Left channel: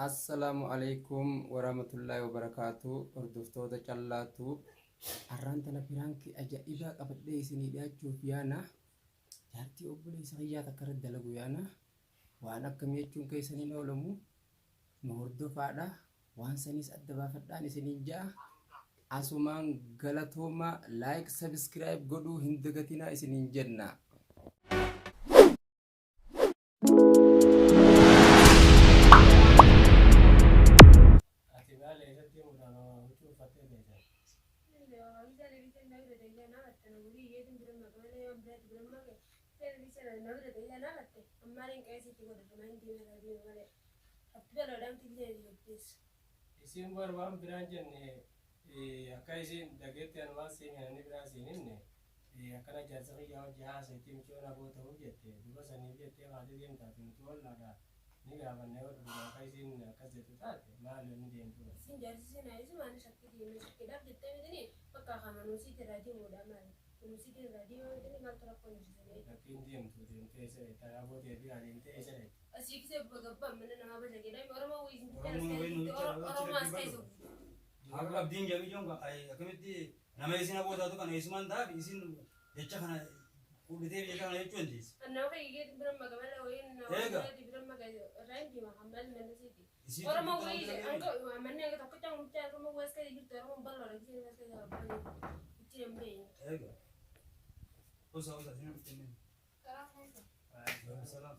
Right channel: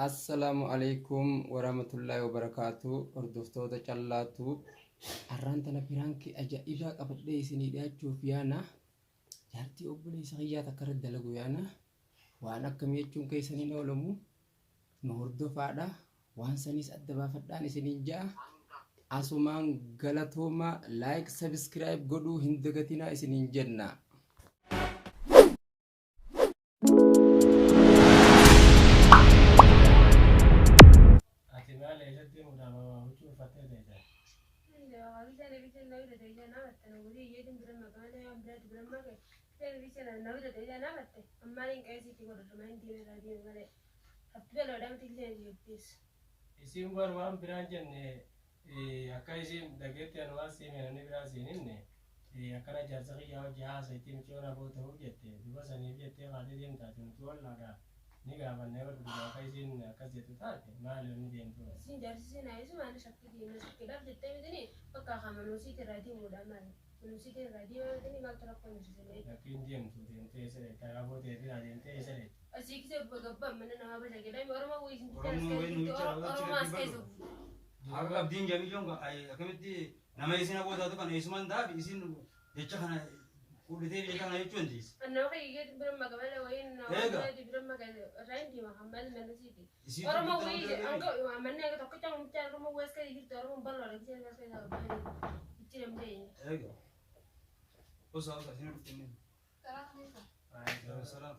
Assalamualaikum warahmatullahi wabarakatuh. Hordoftoota callaatu arraan tana piraanki ajaa'ibaa qabadhee isinii dhiyaachuuf yaana jaartii obboleessa kiyyaa takka irratti dalagu yaana waan akkamii jechuun keessaniin oolamu nu hordofaadha waan saniis adda baafadhaan isiniin ja'a asumaan galatooma like subscribe godhuu hin dagatinaa isiniin jenna. Isin barwaan biraan jenne akka isin dhageetti anwaas seenanii biraa seeninne akkana jaarsa kiyyaa hojii haasaitti micoona boo ta'uu jette duba saniif jettee haadhi deemtaati nuti wallaadha ni gaafannee barbaadu akka isin akkas jettu taate maali onni deemtu isin jaarsi seenaa isu maali shakkiidhaaf jettee mitini bakka hamanuusiiti irraa deemuudha maali kunuusiiti irraa deemuudhani maaltu rakkoo jirtisanii akkiin deemtu deemtee karaaboo biraa deemtee eessadhe asii kisee gabbaan mana namaa basha jedhame oromoo wiisin oromoo as keessa Aku abdiin jamii jonga akkamitti nama isin abootaatu kana isuman taaf isin jecha kana kudhitee jecha kana jechuun tiis. Nama fayyee bira magamala wayin nama bira magamala randi mahamal manasiti. Oromoo wii anga manne aga tokko cang mucaa oromoo wes kaya jirtu oromoo ballo lagi sini wes kaya sabab ichi namdee. Ega. Usa sini bertemu. Salam.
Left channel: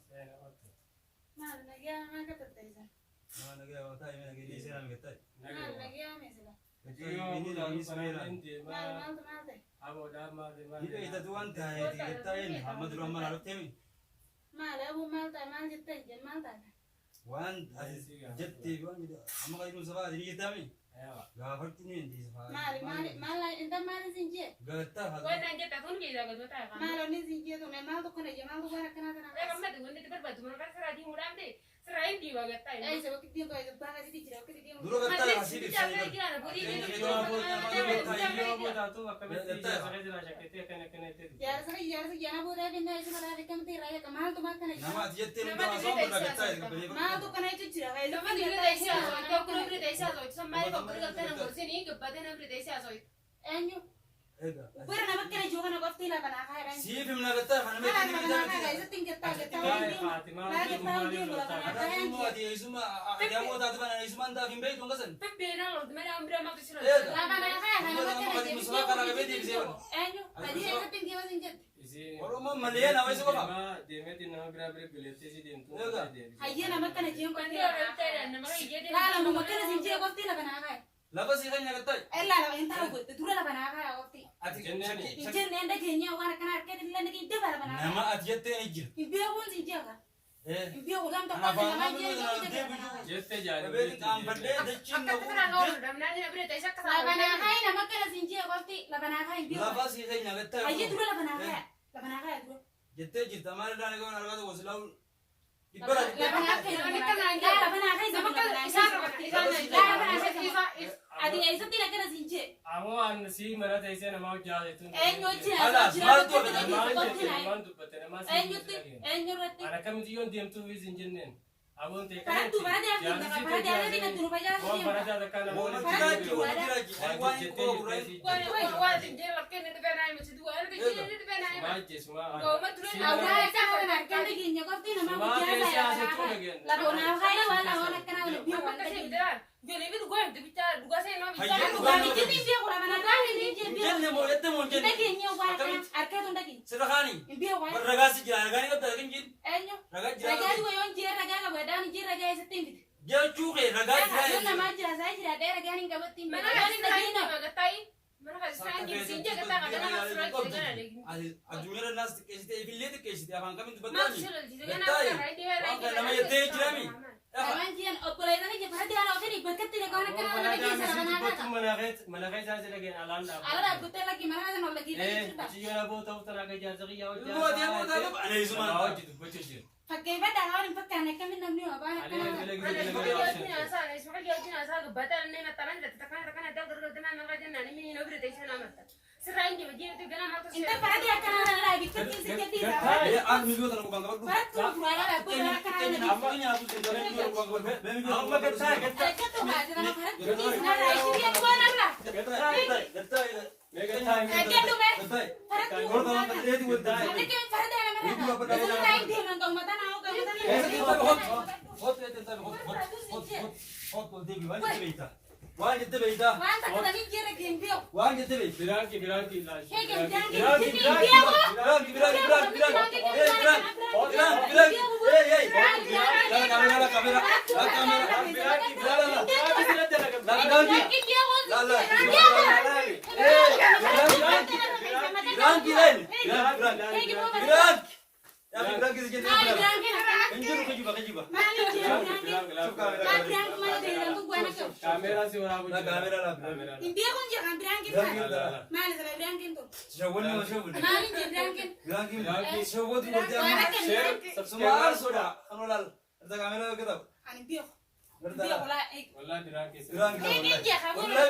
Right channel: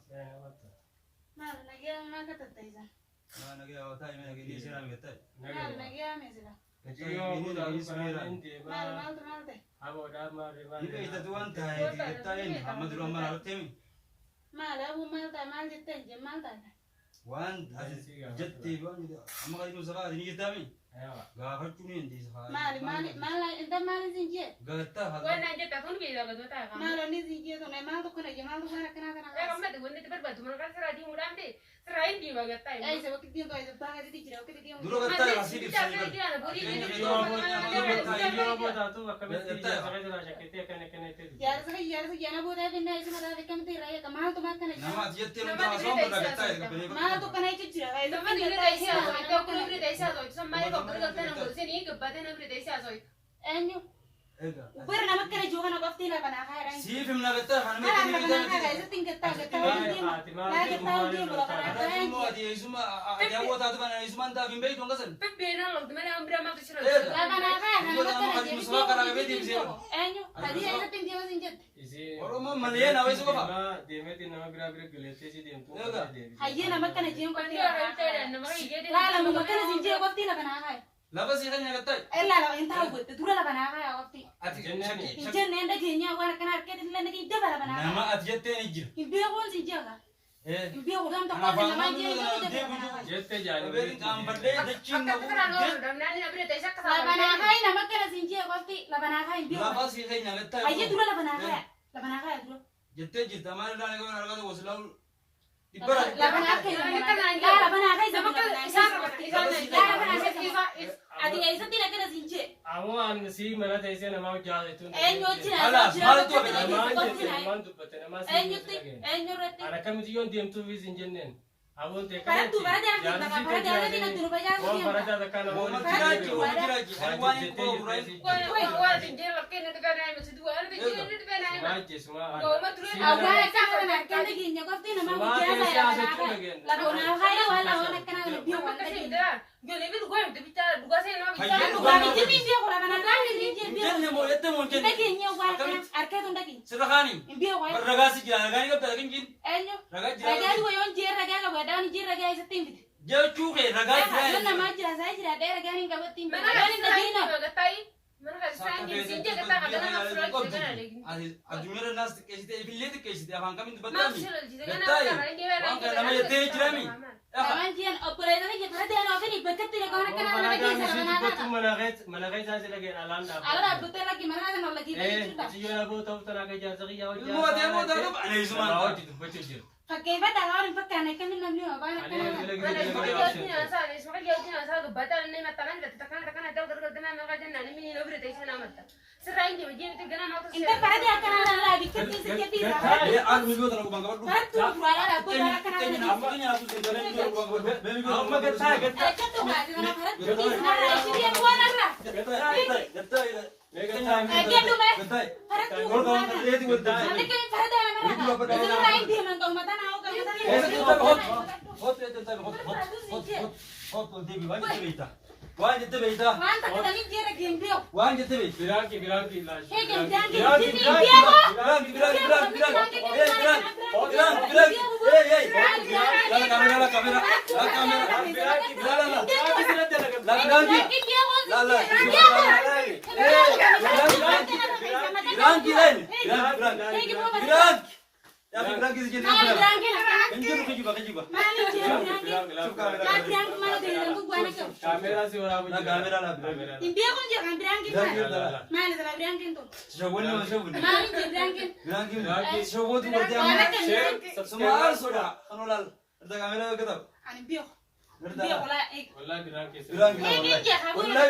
Mal lagi yang agak tertanya. Mana lagi awak tahu mana lagi dia sana betul. Mal lagi yang mesra. Iyo buda luparan ente Mal teh. abo dharma riman Ini kita tuan tahu kita ini Muhammad Rahman Al-Temi. Mal abu mal teh mal jette jamal teh. Wan jatti wan itu. Amma kali itu sekarang ini kita ni. ayo Gafar tu ni di sekarang. Mal ente mal zinje. Gata hal. Wah nanya takun kita betul tak? Mal oni zinje tu mal tu kena jamal tu kena. Kamu tu wani tu berbatu mereka seradi mudah deh. Serain di bagat tay. Eh sebab kita tu aja bahasa di cerita kita dia. Dulu kata masih di sini. iyo buda tu akamitti jaga jala shakete kene kene te Yar se jana boda benda isu mara dekam te raya kamal tu mak kena. Nama jatti ni tu asam berkata itu. Mal tu kena itu cerita. Nama ni kita isi asoi. Kau kau kita isi asoi. Sampai kau kerja tanam bersih ni kepada nama kita isi asoi. Enyu. Ega. Upar nama kena juga nak bafti lah bana kaya. Si film nak kata mana Mana ni bana kaya itu tingkat tak kita. Lagi tahu dia bola bana Ada kaya. semua di semua dia buat tu kan semua dah bimbing tu kan. Pembina loh. Mana ambil mak tu sudah. Lah bana kaya nama kena jadi dia. Enyu. Tadi itu tinggi macam jet. isi Orang mau melihat apa itu apa? demeti nama bira gelete si dem tu Aye nama kena jiang kau Dia orang cakap nama dia. Lah lah mau kena jiang bafti lah bana kaya. Lepas sih kan yang kata. Lah lah entah buat tu lah bana kaya bafti. jennani Ijen nenda kenya wana kana arket illa nagi de bala bana. Nama adiyat ni jir. Imbiya kon si jaga. Eh. Imbiya ko dam to Nama ko faham nama tu je nama ko de dia bana. bujuk. jette jani Beri kamar deh, decing Aku tu orang orang. Nama ni ambil dia cakap. La bana kaya nama kana si jaga bafti la bana kaya imbiya. Lepas sih kan yang kata. Aye tu la bana kaya. La bana kaya tu. Jette jir, tamar dah nak orang kata waslau. La bana kaya. La bana kaya sama kana. La bana kaya. Adi aisa tina kana si jaga. amo an si mana taise nama jaje tu Enyo china. Alas, mal tu man tu pate nama si Enyo rati. ana kamiti yon dem tu visin jennen abon te Para tu para dia kita para dia ni kan tu baya wan si. faraja da kana Mau woni tidak jual tidak jual. Wan jette itu burai. Wah, dia makin itu kan ayam macam dua. Ada dia itu kan ayam. maje suma Kau mat tu Awal cakap nak kana ginya bafti nama biasa ya. La bana kaya wala wana kana imbiya Apa wana. kasih dia? Dia lebih tu gua tu bicara, dua saya nama bicara. Hayya, Bukan itu imbiya ko la bana kaya imbiya. Jangan yang mau itu mungkin. Kita ginya wala kana arket undaki. Sedekahni. Imbiya wala. Beragasi jalan, gani kau tak mungkin. Enyo. Ragasi Raga jalan. di wayon jir raga la wadani jir raga isa timbi. Jauh cukai ragasi. Yon nama jira saya jira ada raga ni kabat timbi. Mana Raga ni kasih saya dagina. ni mana tay? Mana kasih saya ni sinja kata kata nama surat sinja lagi. Ajunya nas kesite, ibilete kesite, abang kami tu Mak betul. surat sinja kan apa sekarang dia Orang nama dia teh jerami. Kaman jian opulai lagi jat hadi ana ofini bekat tidak kau nak kenal lagi sana mana. mana kai sa sila gen alanda Agar betul lagi mana ada nak lagi cerita. ci yona bo taw tana ka jar zaki yaw Lu ada mau tahu apa? Ada semua. bawa itu betul jir Pakai pada orang pakai nak kami nak ni apa nak ada kenal. Mana sebagai jauh ni asal, sebagai jauh ni asal. Batal ni mata mana? Tekan tekan ada orang kerja mana mereka jangan ni mini nobel itu sana mata. Serain dia macam itu kena nak Inta parati akan ada dikit sedikit Eh, aku minggu tak aku bangga dulu. Paratu buala aku akan ada dikit. Ini aku sudah minggu bangga. Minggu. Amma kata. Ada tu nggak dengan parat di sana isi dia buat apa? Mega time. Dia tu meh. Parat tu. Kalau kamu kerja itu betul. Nanti kan parat ada mana? Itu lain dia nangkong mata nau kau mata ni. Hot itu tapi hot TV wajib kita. Wajib kita. Mana tak ada ni dia lagi dia. Wajib kita. Birangi lah. Hei kan jangan di sini dia kok. Kamera sih orang punya. Dia kan jangan berangkin mana? Mana sama berangkin tu? Mana dia berangkin? Semua sudah. Kanolal. Ada kamera kita. Ani biok. Biok lah. Wallahi birangi. Wallahi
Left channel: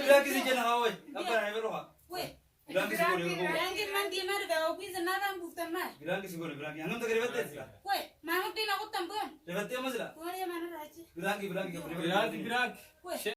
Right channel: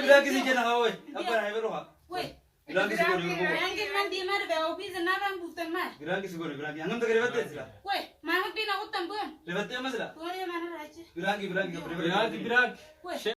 bilang kisi jena kawai. Apa yang itu ha? Weh. Bilang kisi goni. Berangkin nanti mana ke office nara bukan mah. Bilang kisi goni. Bilang yang kita kerja sila. Weh, mana pina aku tampuan. Lewat dia mas lah. Tuh dia mana aja. Bilang. Birangi. Weh.